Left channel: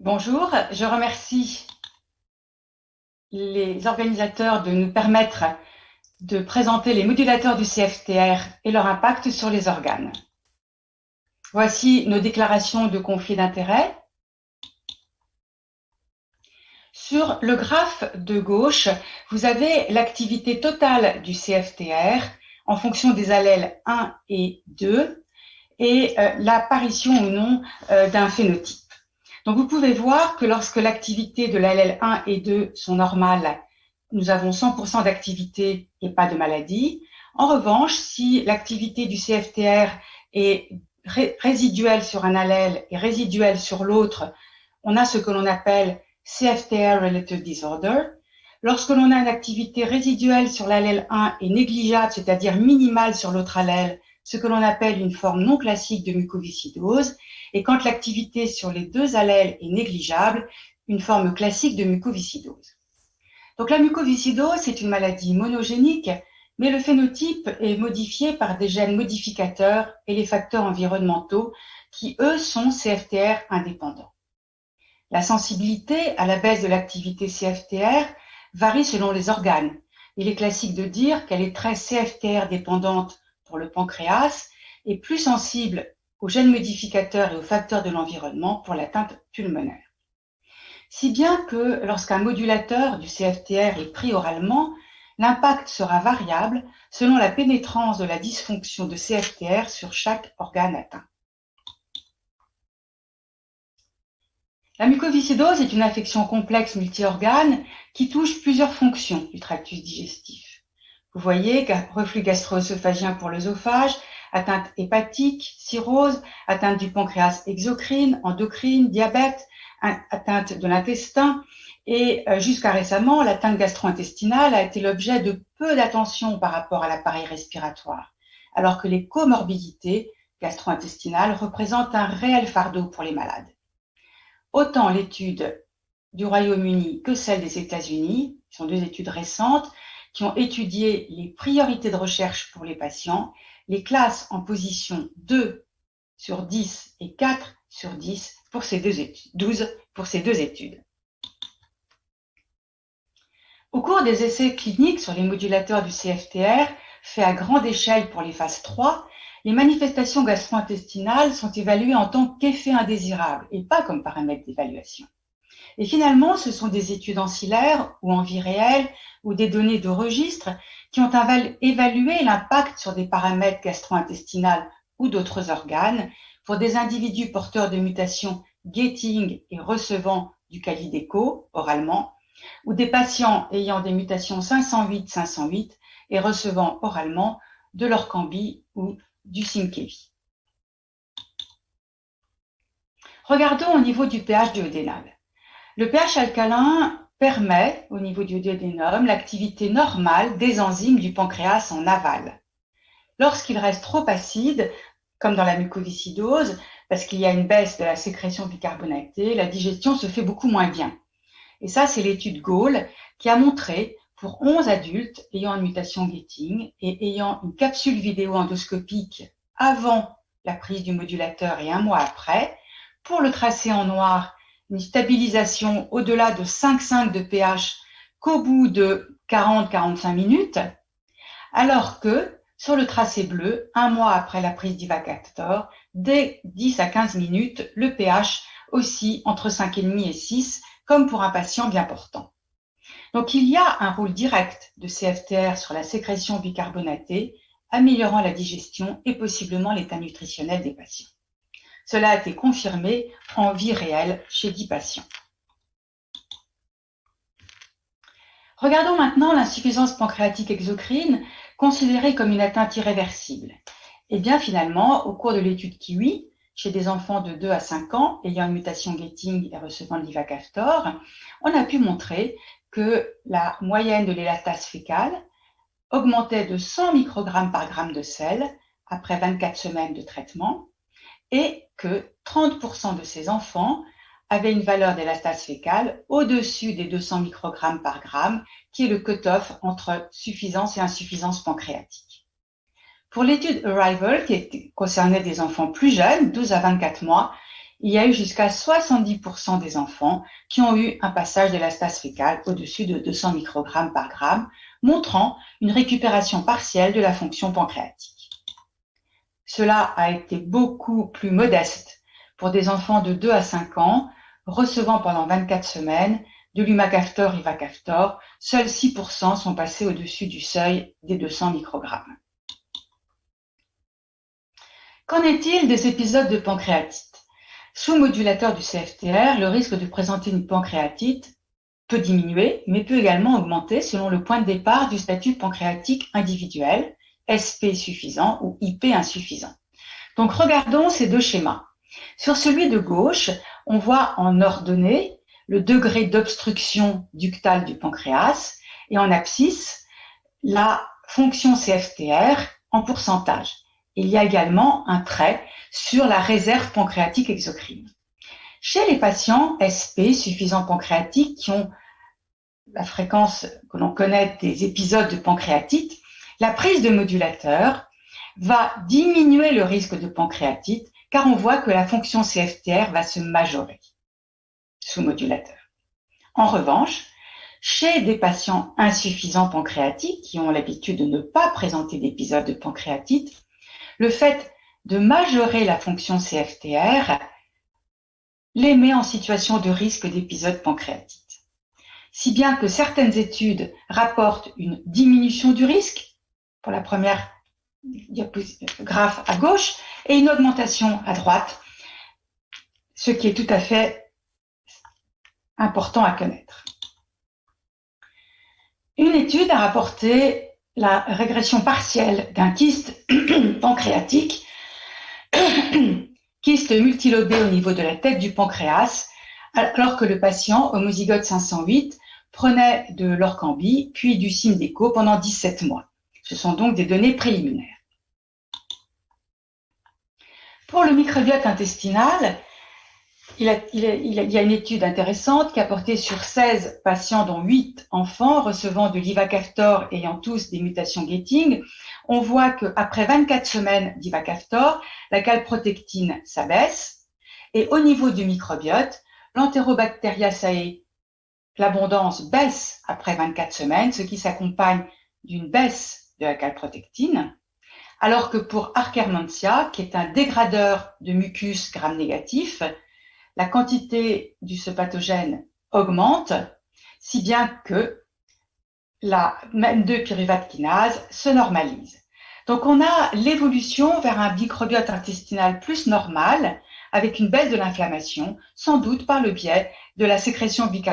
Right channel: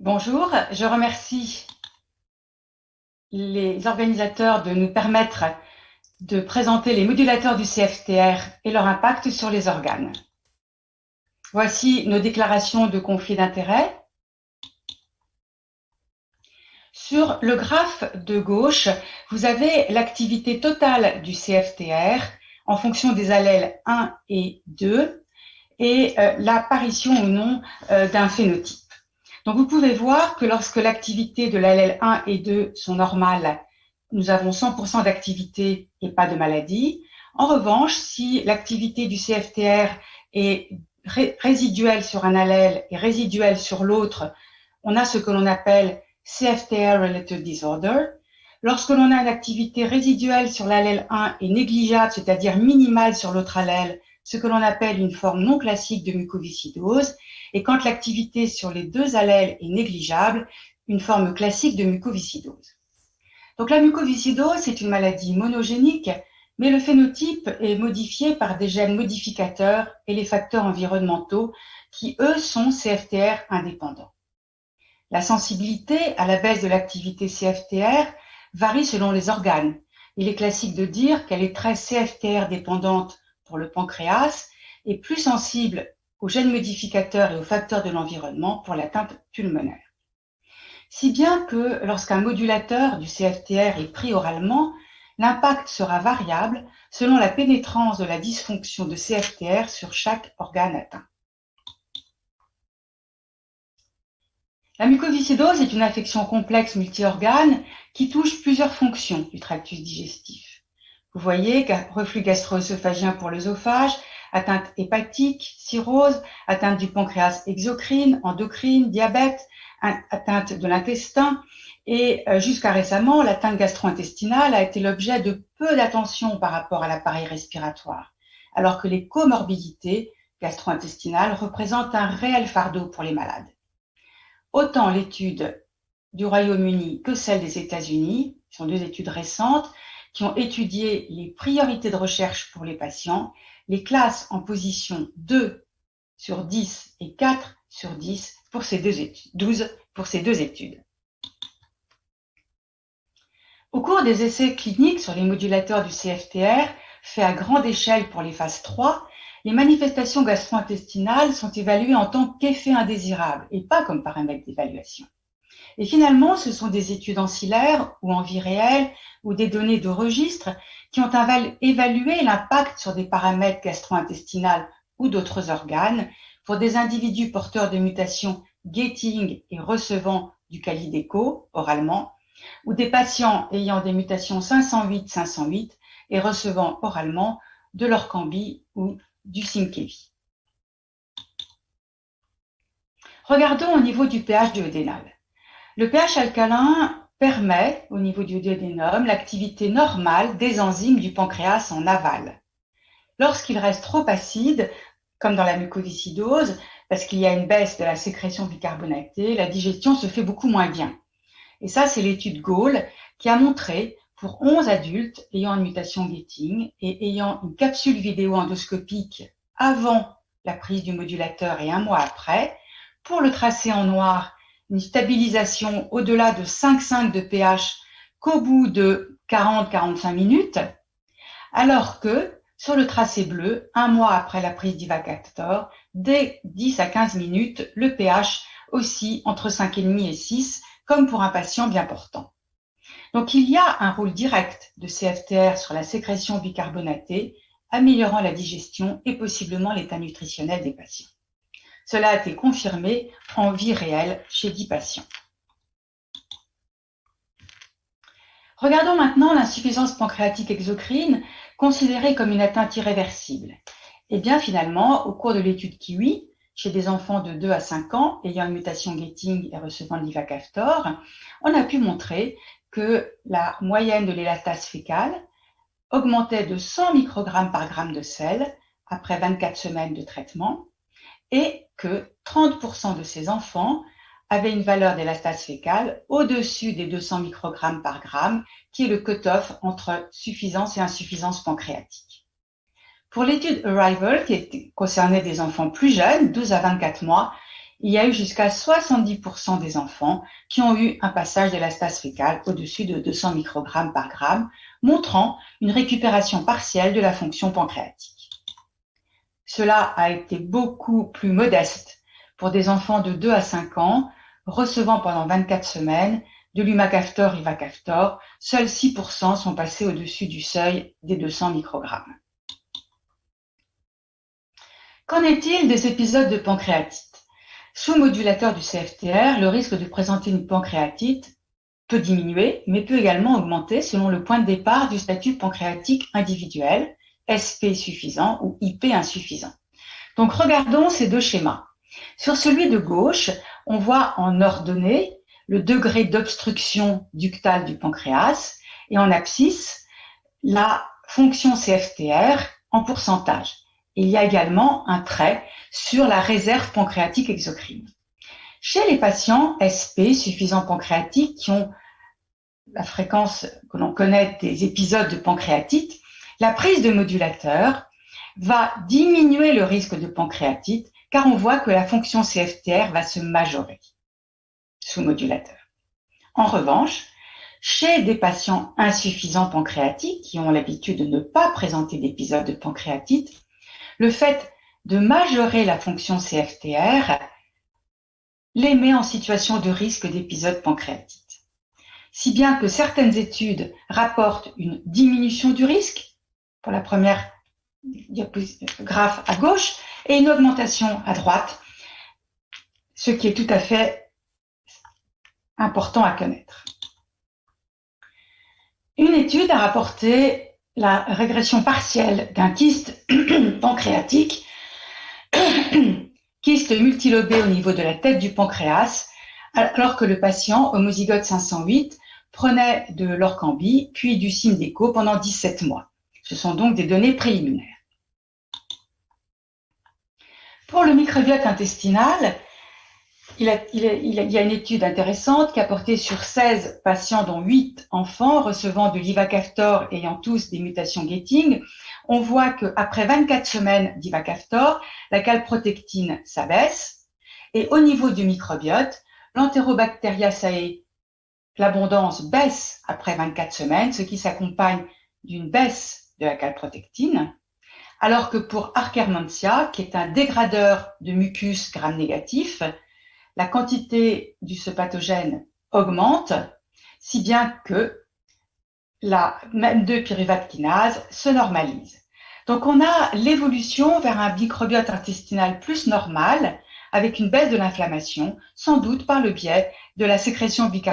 Bonjour, je remercie les organisateurs de nous permettre de présenter les modulateurs du CFTR et leur impact sur les organes. Voici nos déclarations de conflit d'intérêt. Sur le graphe de gauche, vous avez l'activité totale du CFTR en fonction des allèles 1 et 2 et l'apparition ou non d'un phénotype. Donc vous pouvez voir que lorsque l'activité de l'allèle 1 et 2 sont normales, nous avons 100% d'activité et pas de maladie. En revanche, si l'activité du CFTR est résiduelle sur un allèle et résiduelle sur l'autre, on a ce que l'on appelle CFTR-related disorder. Lorsque l'on a une activité résiduelle sur l'allèle 1 et négligeable, c'est-à-dire minimale sur l'autre allèle, ce que l'on appelle une forme non classique de mucoviscidose, et quand l'activité sur les deux allèles est négligeable, une forme classique de mucoviscidose. Donc la mucoviscidose, c'est une maladie monogénique, mais le phénotype est modifié par des gènes modificateurs et les facteurs environnementaux qui, eux, sont CFTR indépendants. La sensibilité à la baisse de l'activité CFTR varie selon les organes. Il est classique de dire qu'elle est très CFTR dépendante pour le pancréas et plus sensible aux gènes modificateurs et aux facteurs de l'environnement pour l'atteinte pulmonaire. Si bien que lorsqu'un modulateur du CFTR est pris oralement, l'impact sera variable selon la pénétrance de la dysfonction de CFTR sur chaque organe atteint. La mucoviscidose est une affection complexe multi-organes qui touche plusieurs fonctions du tractus digestif. Vous voyez, reflux gastro-œsophagien pour l'œsophage, atteinte hépatique, cirrhose, atteinte du pancréas exocrine, endocrine, diabète, atteinte de l'intestin et jusqu'à récemment, l'atteinte gastro-intestinale a été l'objet de peu d'attention par rapport à l'appareil respiratoire, alors que les comorbidités gastro-intestinales représentent un réel fardeau pour les malades. Autant l'étude du Royaume-Uni que celle des États-Unis, ce sont deux études récentes qui ont étudié les priorités de recherche pour les patients, les classent en position 2 sur 10 et 4 sur 10 pour ces deux études, 12 pour ces deux études. Au cours des essais cliniques sur les modulateurs du CFTR, faits à grande échelle pour les phases 3, les manifestations gastro-intestinales sont évaluées en tant qu'effet indésirable et pas comme paramètre d'évaluation. Et finalement, ce sont des études ancillaires ou en vie réelle ou des données de registre qui ont évalué l'impact sur des paramètres gastro-intestinales ou d'autres organes pour des individus porteurs de mutations gating et recevant du Calideco oralement, ou des patients ayant des mutations 508-508 et recevant oralement de l'Orkambi ou du Synkevi. Regardons au niveau du pH duodénal. Le pH alcalin permet, au niveau du duodénum, l'activité normale des enzymes du pancréas en aval. Lorsqu'il reste trop acide, comme dans la mucoviscidose, parce qu'il y a une baisse de la sécrétion bicarbonatée, la digestion se fait beaucoup moins bien. Et ça, c'est l'étude Gall qui a montré pour 11 adultes ayant une mutation gating et ayant une capsule vidéo endoscopique avant la prise du modulateur et un mois après, pour le tracé en noir, une stabilisation au-delà de 5,5 de pH qu'au bout de 40-45 minutes, alors que sur le tracé bleu, un mois après la prise d'Ivacaftor, dès 10 à 15 minutes, le pH oscille entre 5,5 et 6, comme pour un patient bien portant. Donc il y a un rôle direct de CFTR sur la sécrétion bicarbonatée, améliorant la digestion et possiblement l'état nutritionnel des patients. Cela a été confirmé en vie réelle chez 10 patients. Regardons maintenant l'insuffisance pancréatique exocrine, considérée comme une atteinte irréversible. Et bien finalement, au cours de l'étude Kiwi, chez des enfants de 2 à 5 ans ayant une mutation gating et recevant de l'Ivacaftor, on a pu montrer que la moyenne de l'élatase fécale augmentait de 100 microgrammes par gramme de sel après 24 semaines de traitement et que 30% de ces enfants avaient une valeur d'élatase fécale au-dessus des 200 microgrammes par gramme, qui est le cut-off entre suffisance et insuffisance pancréatique. Pour l'étude Arrival, qui concernait des enfants plus jeunes, 12 à 24 mois, il y a eu jusqu'à 70% des enfants qui ont eu un passage de la stase fécale au-dessus de 200 microgrammes par gramme, montrant une récupération partielle de la fonction pancréatique. Cela a été beaucoup plus modeste pour des enfants de 2 à 5 ans recevant pendant 24 semaines de l'Humacaftor Ivacaftor. Seuls 6% sont passés au-dessus du seuil des 200 microgrammes. Qu'en est-il des épisodes de pancréatite? Sous modulateur du CFTR, le risque de présenter une pancréatite peut diminuer, mais peut également augmenter selon le point de départ du statut pancréatique individuel, SP suffisant ou IP insuffisant. Donc regardons ces deux schémas. Sur celui de gauche, on voit en ordonnée le degré d'obstruction ductale du pancréas et en abscisse la fonction CFTR en pourcentage. Il y a également un trait sur la réserve pancréatique exocrine. Chez les patients SP suffisant pancréatiques qui ont la fréquence que l'on connaît des épisodes de pancréatite, la prise de modulateur va diminuer le risque de pancréatite car on voit que la fonction CFTR va se majorer sous modulateur. En revanche, chez des patients insuffisants pancréatiques qui ont l'habitude de ne pas présenter d'épisode de pancréatite, le fait de majorer la fonction CFTR les met en situation de risque d'épisode pancréatite. Si bien que certaines études rapportent une diminution du risque, pour la première graphe à gauche, et une augmentation à droite, ce qui est tout à fait important à connaître. Une étude a rapporté la régression partielle d'un kyste pancréatique, kyste multilobé au niveau de la tête du pancréas, alors que le patient homozygote 508 prenait de l'Orkambi puis du Symdeko pendant 17 mois. Ce sont donc des données préliminaires. Pour le microbiote intestinal, il y a une étude intéressante qui a porté sur 16 patients, dont 8 enfants recevant de l'Ivacaftor ayant tous des mutations Getting. On voit qu'après 24 semaines d'Ivacaftor, la calprotectine s'abaisse et au niveau du microbiote, l'Enterobacteriaceae, l'abondance baisse après 24 semaines, ce qui s'accompagne d'une baisse de la calprotectine, alors que pour Akkermansia, qui est un dégradeur de mucus gram-négatif, la quantité de ce pathogène augmente, si bien que la MEM2 pyruvate kinase se normalise. Donc on a l'évolution vers un microbiote intestinal plus normal, avec une baisse de l'inflammation, sans doute par le biais de la sécrétion bicarbonate